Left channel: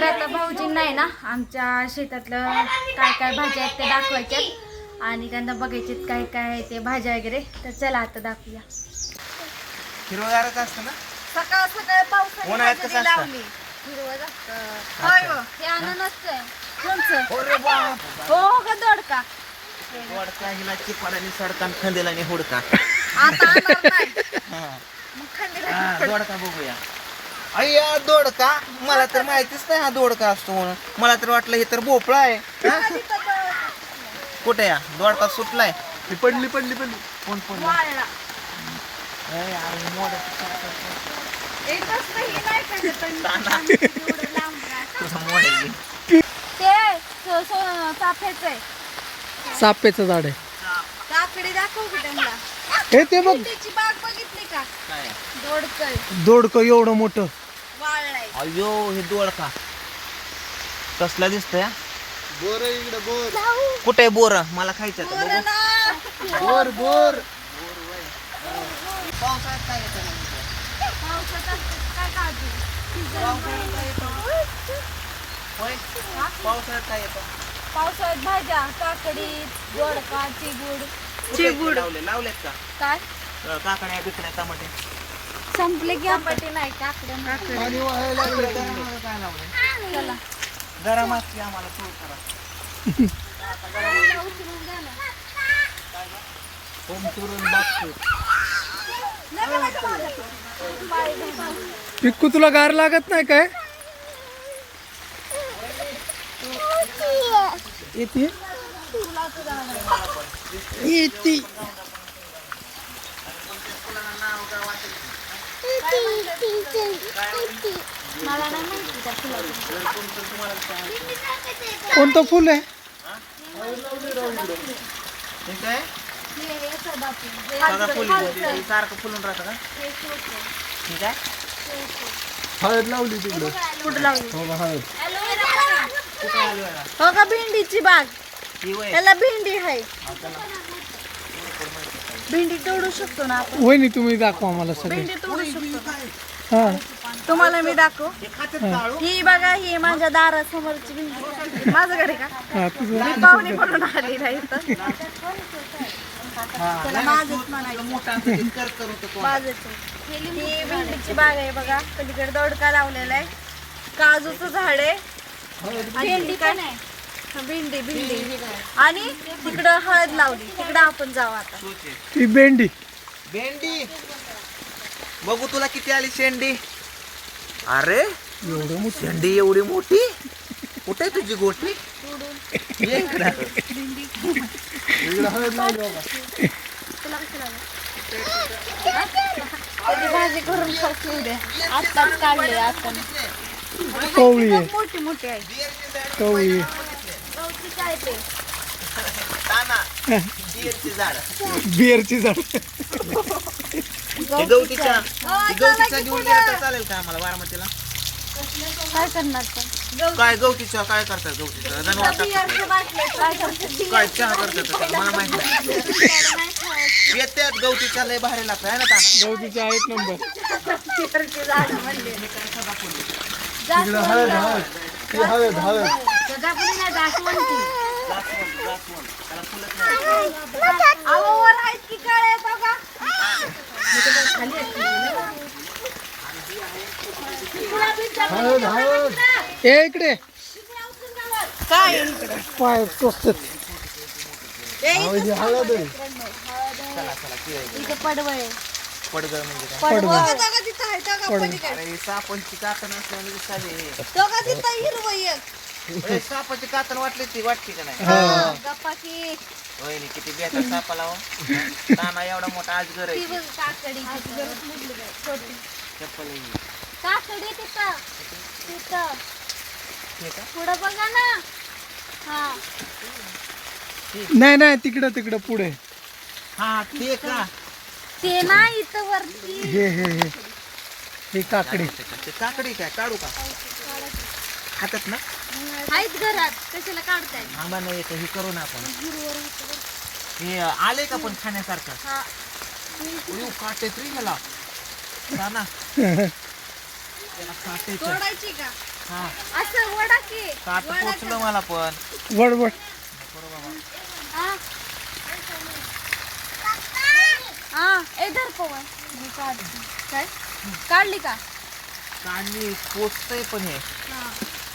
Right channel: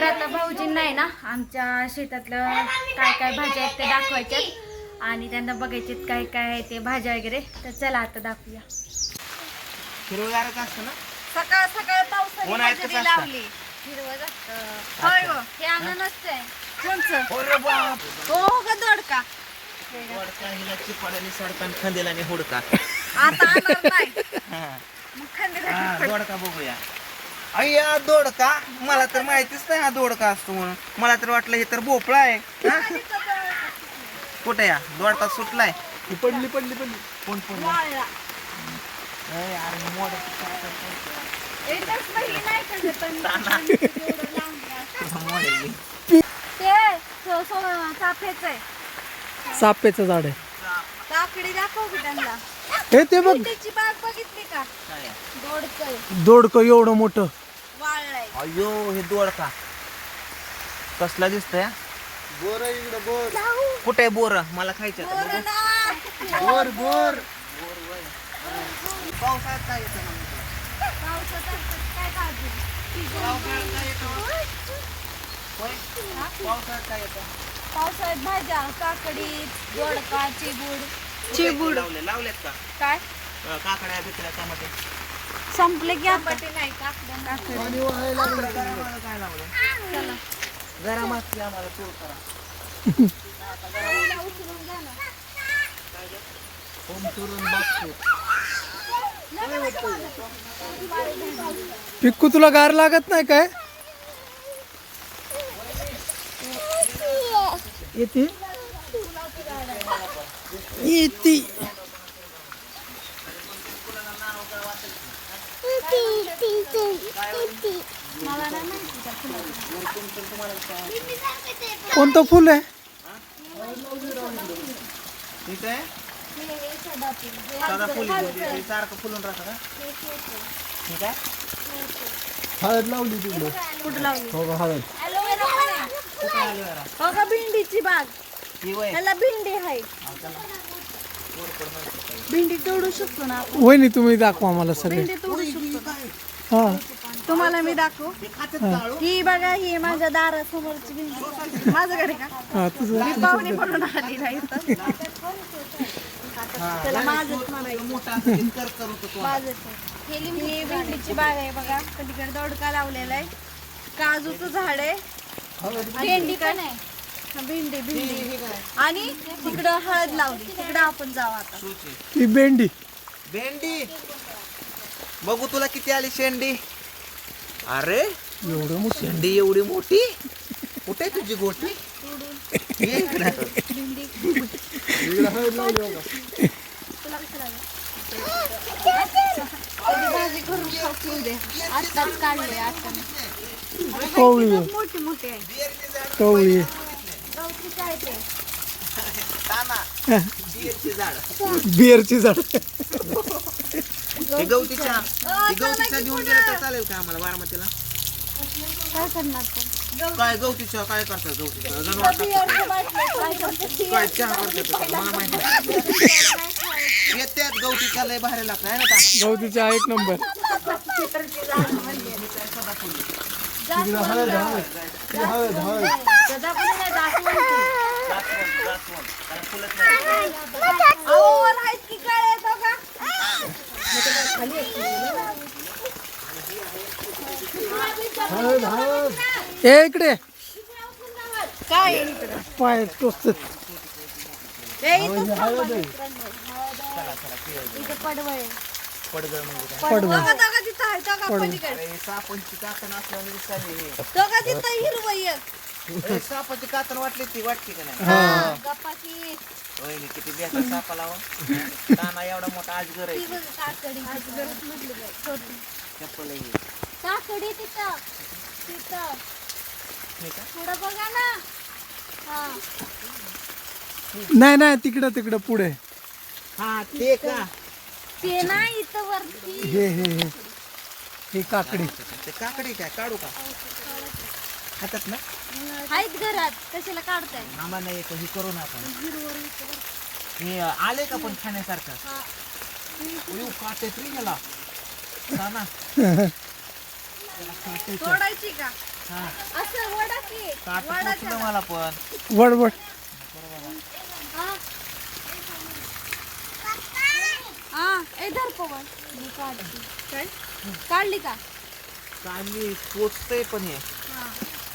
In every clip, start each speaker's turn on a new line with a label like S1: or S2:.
S1: तर आता भाऊजी नाही ना आमच्या शेतातलं काय काय भाज्या आहेत ते दाखवायच्यात. आणि त्यांना बघायचे काय काय आहे ते भाज्या वगैरे. तर चला आता दाखवूया.
S2: हिरवगारच असतं ना?
S1: सकाळ सकाळ पावसाने
S2: उन्हाळ्यात कसं
S1: हजेरी
S2: असतं?
S1: लावली. हिरवं असतं होय हो हे अननसच आहे कोणचं?
S2: अरे बाप.
S1: हो का दोडका.
S2: वडका हिला चिपाडाने सडकान खंदेलाने हुडका.
S1: आता आणणार नाही.
S2: हा.
S1: मग थंडी
S2: हा, दोडका बघूया. अय्या दोडका. मला तर माहितीच नाही हा दोडका असतो म्हणून. मला तर वाटलं हे तर भोपळा आहे. हा? कुठे या? दोडका सुटलाय.
S3: ती पडली पडली पडली.
S2: कोण कोण
S1: वाळला.
S2: अरे मोड
S1: एकदाच पहिली नाही का पण? एवढं लांब नाही.
S2: मोड
S1: ते सो- सो- चाफ्याचं आहे.
S3: चाप्याचं झाड आहे.
S1: काकडी दाखव की त्यांना.
S3: हे ते बघ.
S1: त्याची बाग बघितली का?
S2: काय?
S1: दोडकय
S3: दोडक एवढं मोठं.
S2: अयो हे दोडका. कसला दिसतंय?
S3: बोर इकडे बोर.
S2: कुठे बोर? मला खायचं आता बघू.
S3: बोर बोर.
S2: पावसाळ्यात काय येतं? होय? पावसाळ्यात काय येतं?
S1: पावसाळ्यात भाज्या काकडी दोडका चिबूड
S2: चिबूड लावले? लावलेत का?
S1: काय?
S2: अं, काकड्या बिकड्या टमाटे.
S1: संपले की आपण नाही
S2: गरम असते आम्हाला? तूर करा.
S3: पिक्कू तुला गार लागत नाही काय? येते. येते. कोणतं फुल आहे?
S2: ठीक आहे. साधा फुल. हे सारखं फुलून राहतं का? ठीक आहे.
S3: हळद लावली तिकडे
S1: कुठं लावली?
S3: हो हळद.
S1: हो का भेंडीची बाग.
S2: ही
S1: त्याला भेंडी आहे. भेंडी तोडू शकतो ना आपण?
S3: वहिनी तुम्ही दाखवा मला सगळे.
S1: भेंडी तोडू शकतो.
S3: हा.
S1: तुम्हाला मी दाखव? ही बघा ही माझ्या दारासमोरची भेंडी. माझं घर आहे का?
S3: हा तुझं
S1: मी पाहुणे म्हणून आली नाही इथं.
S2: मोठा असं कर करून तो
S1: बाजूच ही भेंडीची बाग आहे बघा. पलीकडे दोडका लावलेला आहे. काजूचं झाड आहे. आणि काय? हा, भेंडी भेंडी. आणि तिकडं हळद लावली. तिकडं आपण जाऊ आता.
S3: ती भेंडी.
S2: भेंडी? बघू तुला किती आली शेंडी. अरे
S3: एवढं मोठं.
S2: शेंडी एवढी मोठी? कुठे आहे तुझी ये इकडं.
S1: त्याची भाजी करून उद्या आत्ताच काढले आपण
S3: कवळी आहे.
S1: मोठी मोठी आहे.
S3: कवळी आहे
S1: गवती काय ते
S2: ताना बियरची झाड
S3: बिअरची झाड.
S2: गवतीच्या गवतीच्या चालेल का आम्हाला बारामतीला?
S1: काय करणार?
S2: काय गवतीच्या काय करतात गवतीच्या जनावर
S1: काय
S2: चहा करतात? मला माहीत नाही. येत्यात गवतीच्या लय भारी लागतं आहे ना ताना?
S3: गवतीचे आहेत नंबर.
S1: चित्रचे झाड म्हणले.
S3: तिकडं हळद हळद. ती हळद हळद.
S2: जास्वंद त्याला फुलंच नाही.
S3: ए इकडे.
S1: काय आहे इकडं?
S3: पाय हळद आहे.
S1: पडवळ.
S2: पडगळ म्हणजे
S3: पडवळ
S1: तिथं हिरवं एक.
S2: अरे, सापाची कातण वाटली ती वाटते का नाही?
S3: हा.
S1: गप्पा की
S2: वहिनी किती बेता सापा लावा. ताना एवढा मोठा आजगर
S1: ती
S2: आहे
S1: बघ, काकडी तिथं. छोटी.
S2: चप्पल आहे. ही.
S1: काकडी तिथं. तिथं.
S2: हे का?
S1: पुढं बघा ना. हा.
S3: नाही नाही तिकडं तिकडं पुढे.
S2: हा ते का?
S1: ते नाही इथं वरती.
S3: हे हे हे. हे काकडी.
S2: ते काकडी काय काढू का? खातात ना?
S1: आहेत घरात. कशाला काढताय?
S2: आम्हाला येतं हे करू ना आपण. हे आले का पण खाण्यासारखं?
S1: हा.
S2: उयू काटे तरी ह्याला. ताना त्याला काटेचं
S1: तोडायची का?
S2: हा.
S1: असं वडा की.
S2: काट पोचलं मला पण.
S3: वड वड.
S1: हा. हा ए धर पवन. मी काढते. काय? काढली का?
S2: काढली पोचतय पण हे.
S1: हा.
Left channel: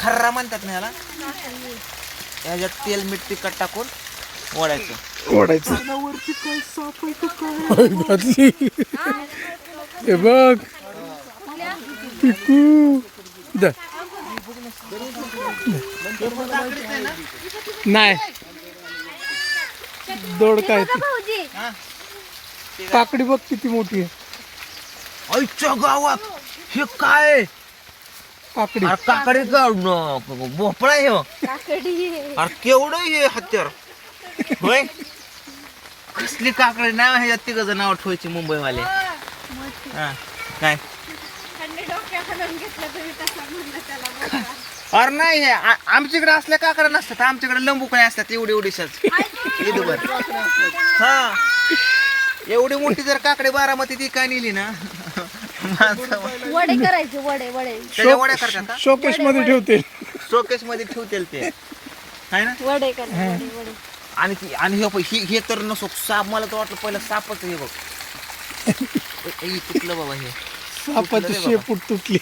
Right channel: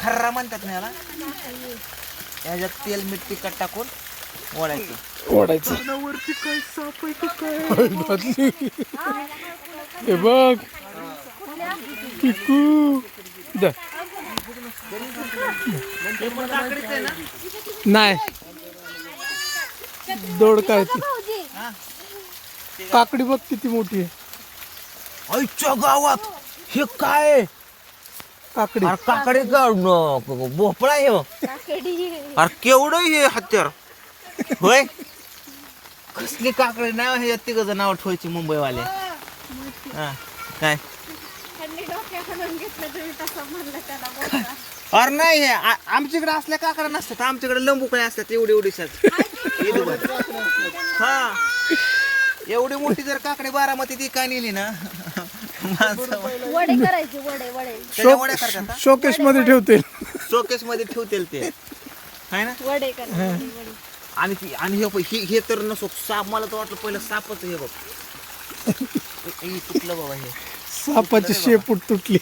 S2: खर्रा म्हणतात ना याला?
S1: काढली.
S2: ह्याच्यात तेल मीठ तिखट टाकून ओढायची.
S3: ओढायचं.
S2: वरती काय साप आहे का काय?
S3: घातली हे बघ. पिकू. दे.
S2: हे पण काकडीच आहे ना
S3: नाही. दोड काय ती?
S2: हा
S3: काकडी बघ किती मोठी आहे.
S2: आईच्या गावात हे काय
S3: काकडी
S2: अरे काकडे का भोपळा आहे हो.
S1: काकडी.
S2: अरे केवढं हे हत्यार. होय? कसली काकडे? नाव ह्याच्यात तिघ नाव ठेवायची मुंबईवाले. हा काय?
S1: थंडी डोक्या घालून घेतलं तरी तसं म्हणलं त्याला बघा.
S2: अरे नाही हे आ- आमच्याकडे असल्या काकड्या नसतात. आमच्याकडे लंबू काय असतात एवढी एवढीशाच हा एवढी मोठी जर काकडे बारामती ती काय नेली ना?
S1: वडे करायचे वडे वडे.
S2: त्याच्या वड्या करतात
S3: शोकेशमध्ये ठेवते
S2: शोकेस मध्ये ठेवतील ते. है ना?
S1: वडे करायचे वडे
S2: आणि ती- आणि हे बघ, हे हे तर नसो साप मला तर वाटलं पहिलं सापच हे बघ. हे तुटलं बाबा हे.
S3: सापाची शेपूट तुटली.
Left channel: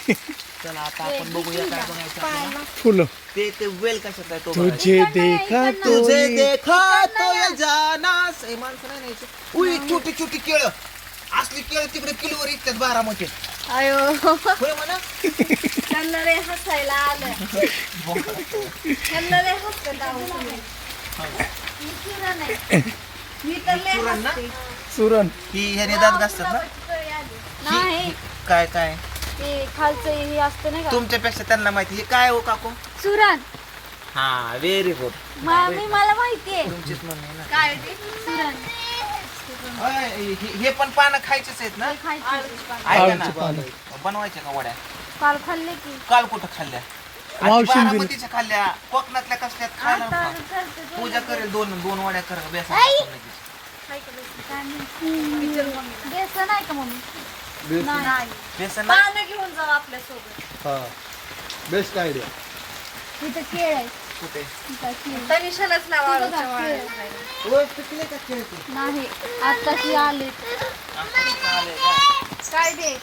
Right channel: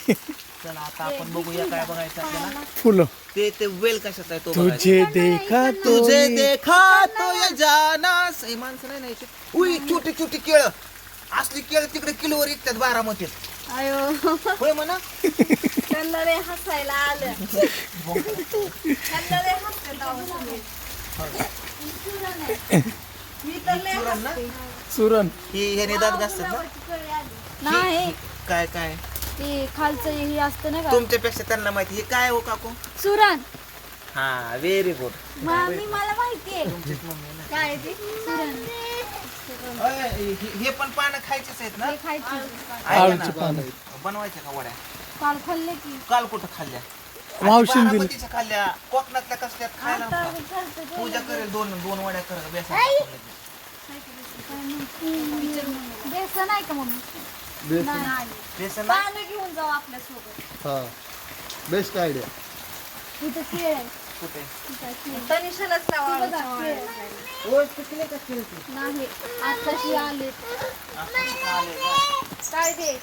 S2: चला आता आपण बघूया काय बघायचं आपल्याला.
S3: फुलं.
S2: ते ते वेल कशात आहे तो बघायचा.
S3: तुझे देखा तो
S2: तुझे देखा तो ये जाना माणसं नाही. उई छोटी छोटी केळ. असली केळ तिकडे किलोवर विकतात बारामती
S1: अयो.
S2: होय म्हणा.
S1: त्यांना रे हसायला आलं. त्यांना रे आहो. मी सुरण आहे. मी तर लय
S2: सुरण ना?
S1: हसते.
S3: सुरण
S2: ही ह्याने दात घासतात ना?
S1: नाही.
S2: काय काय?
S1: ते खालचं हे असते ना का?
S2: तुमच्यापेक्षा त्यांना माहिती. हे काय हो काकू?
S1: सुरण
S2: हा व्हेरी गुड
S1: मामी मला माहितीये
S2: तुमचीच मम्मी ना?
S1: काय ते? सुरण
S2: अय, हे हे पण पानं खायचेच आहेत ना?
S1: खायची
S2: ऐका
S3: आळूची
S2: ना
S3: पानं.
S2: बनवायच्या का वड्या?
S1: काल खाल्ले की.
S2: काल कुठं खाल्ल्या?
S3: मावशीने दिली.
S2: बारामतीच्या खाल्ल्या. कोकणातल्या कसल्यात खायला
S1: आता
S2: नव्हत्या.
S1: करते तो.
S2: पूजा करेल दोन दोन वड्या कर बेसन
S1: काय म्हणते? बेसन आहे का मम्मी? नाही.
S2: बेसन
S1: पानं घेऊन जाऊ आपल्यासोबत.
S3: हा. बेस्ट आयडिया
S1: इथं केळ आहे.
S2: कुठे?
S1: तनिषालाच लावा नाही आताशी आले? काय दे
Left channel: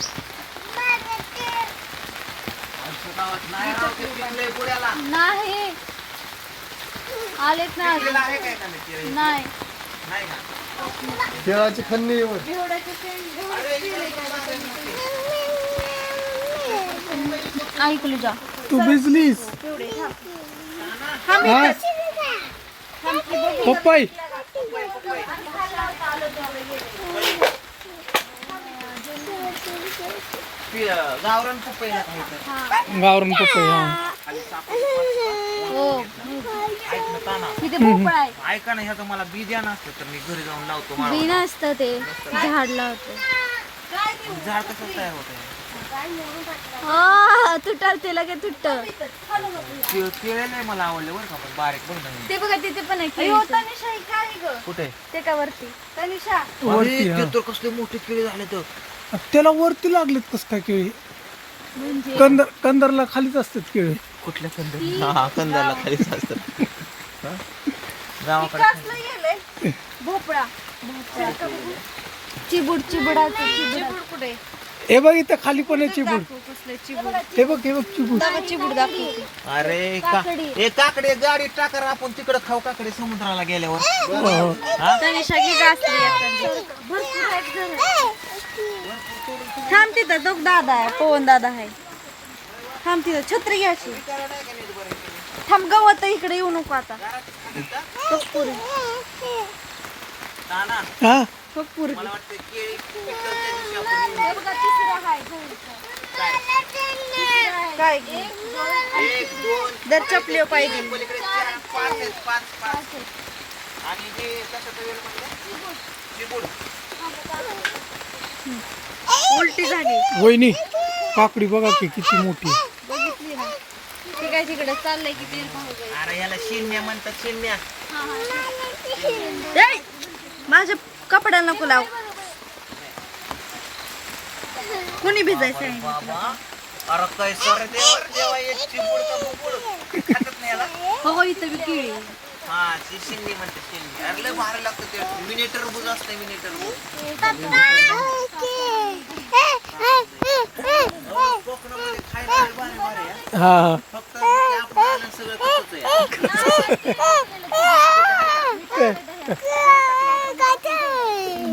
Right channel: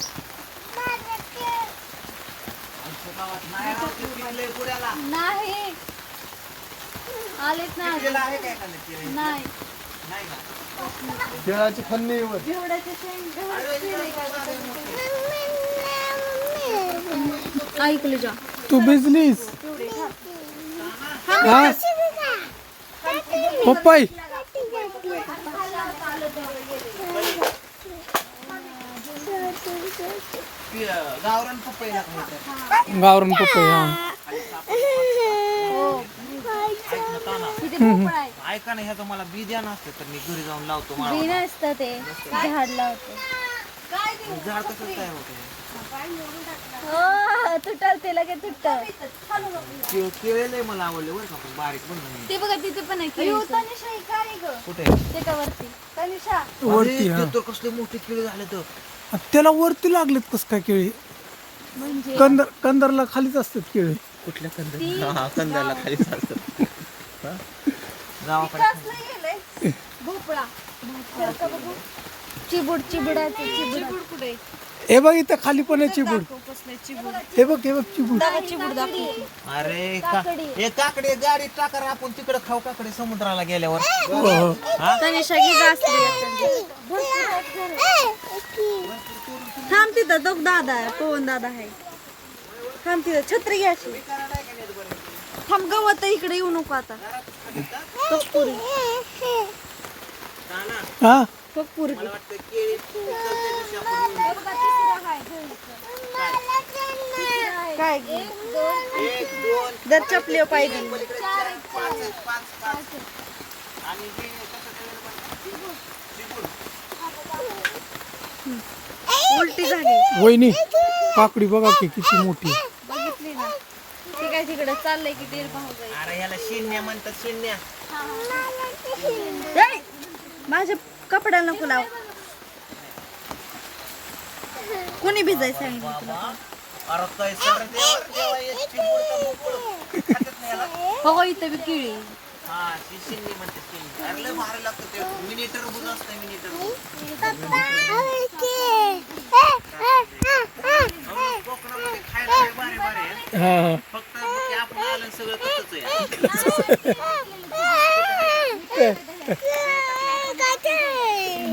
S2: नाही.
S1: आलेत ना? नाही.
S3: खेळाची खन्नी
S1: शेंग ऐकलं जा.
S3: तू भिजलीस.
S1: तेवढे
S3: पप्पाई गावरण पप्पाई हा
S1: हो
S2: ऐक ना ह्याचं मला बी द्या नसतं तर मी घरी जाऊन लावतो
S1: बी नसतं ते. झाड लावतं.
S2: झाड कसं तयार होत
S1: हा तुटाल ते लगेच तुटत.
S2: केळेलं मला आवडले बरं का पण बारीक बघ ना
S1: ते बघा तिथे पण आहे तनिषा काय ग.
S2: कुठे
S1: ते का वरती? तनिषा.
S3: वरती हा.
S2: तर कसले मोठे केळे झाले तर.
S3: त्याला वरती लागलेत कस काय केळी?
S1: म्हणजे?
S3: कंदर कंदरला खालीच असतात केळी.
S2: कुठल्या कंद हा कंदाला खाली असतात. हं? गावाकडे
S1: कसलं गेलंय. भोपळा. भोपळा. बघू चिबूड चिबुडाचं चिबूड कुठे?
S3: हे बघ इथं खाली पण आहे चिबूड. हे बघ हे बघ चिबूड.
S2: अरे
S1: काकडी.
S2: का- ए काकडे गाडी टाकर आपण तिकडे खाऊ काकडे समुद्राला गेल्यावर.
S3: हो.
S2: हा
S1: थांब तिथं तो दादा आहे पवन दादा आहे. थांब तिथं छत्री घ्यायची थांब गवत इकडे येऊ नको आता.
S3: हा?
S1: पुरी
S2: मला वाटतं केळी पिकलच्या दिवशी आपण येऊ.
S1: काय?
S2: एक दोन
S1: जर चपली पाहिजे.
S2: पलीकडे चार पाच आहेत पाच पाच. आणि हे कशाचं वेल म्हटलं? चिबूड.
S1: उलटी झाली.
S3: वहिनी काकडी बघा की किती मोठी आहे.
S1: बघितली ना. तिकडे चाललंय की तेल पाहू जाईल.
S2: अरे याला शिन्या म्हणतात शिन्या
S1: ए, माझ्या कपड्याला नको लाव. कुणी भिजायचं आहे?
S2: बाबा. अरे काय सर देवर देवा एक चिंबूड का बुबुड खातात नाही याला
S1: हो इथं बी केळी
S2: हा ती म्हणते अरे लय भारी लागतं ते. मिनी टरबूज असतं मिनी टरबूज कोकणामध्ये खायला लय भारी भारी आहे
S3: हा हा.
S2: फक्त ते आपण आलं सगळं कसंच आहे.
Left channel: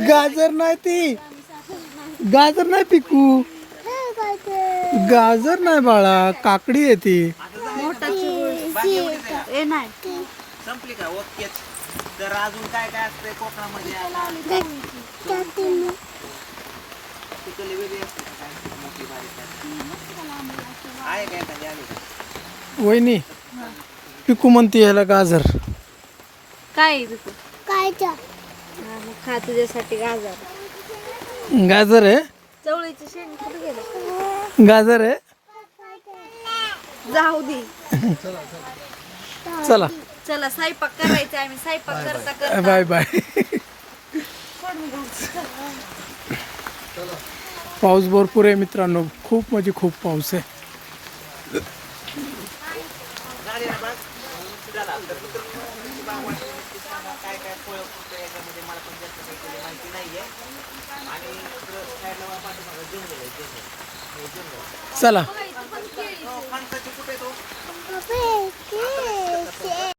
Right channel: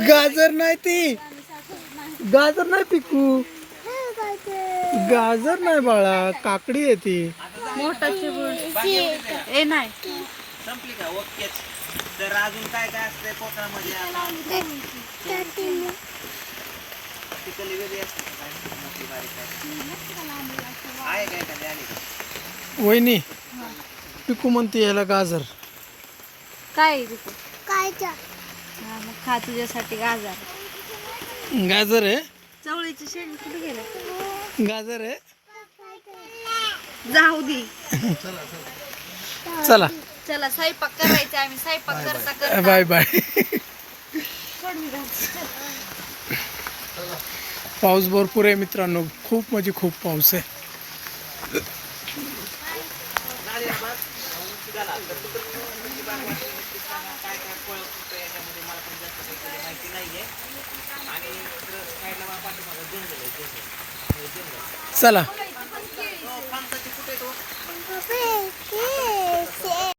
S3: गाजर नाही ती. गाजर नाही पिकू. गाजर नाही बाळा काकडी आहे ती.
S1: मोठा चिबूड ए नाही.
S2: संपली का? ओकेच तर अजून काय काय असतंय कोकणामध्ये? आता तिकडली वेगळी असते का काय? मोठी बारीक काय? आहे काय एखादी आली का?
S3: वहिनी पिकू म्हणते ह्याला गाजर.
S1: काय काय खा तुझ्यासाठी गाजर.
S3: गाजर आहे?
S1: चवळीची शेंग कुठे गेले?
S3: गाजर आहे.
S1: जाऊ दे.
S3: चला.
S1: चला स्वयंपाक करायचा आम्ही. स्वयंपाक करता करता.
S3: Bye bye. पाऊस भरपूर आहे मित्रांनो. खूप म्हणजे खूप पाऊस आहे.
S2: नाही आहे आणि साईडला मला पाठीमागं आहे जंगल.
S3: चला. हो,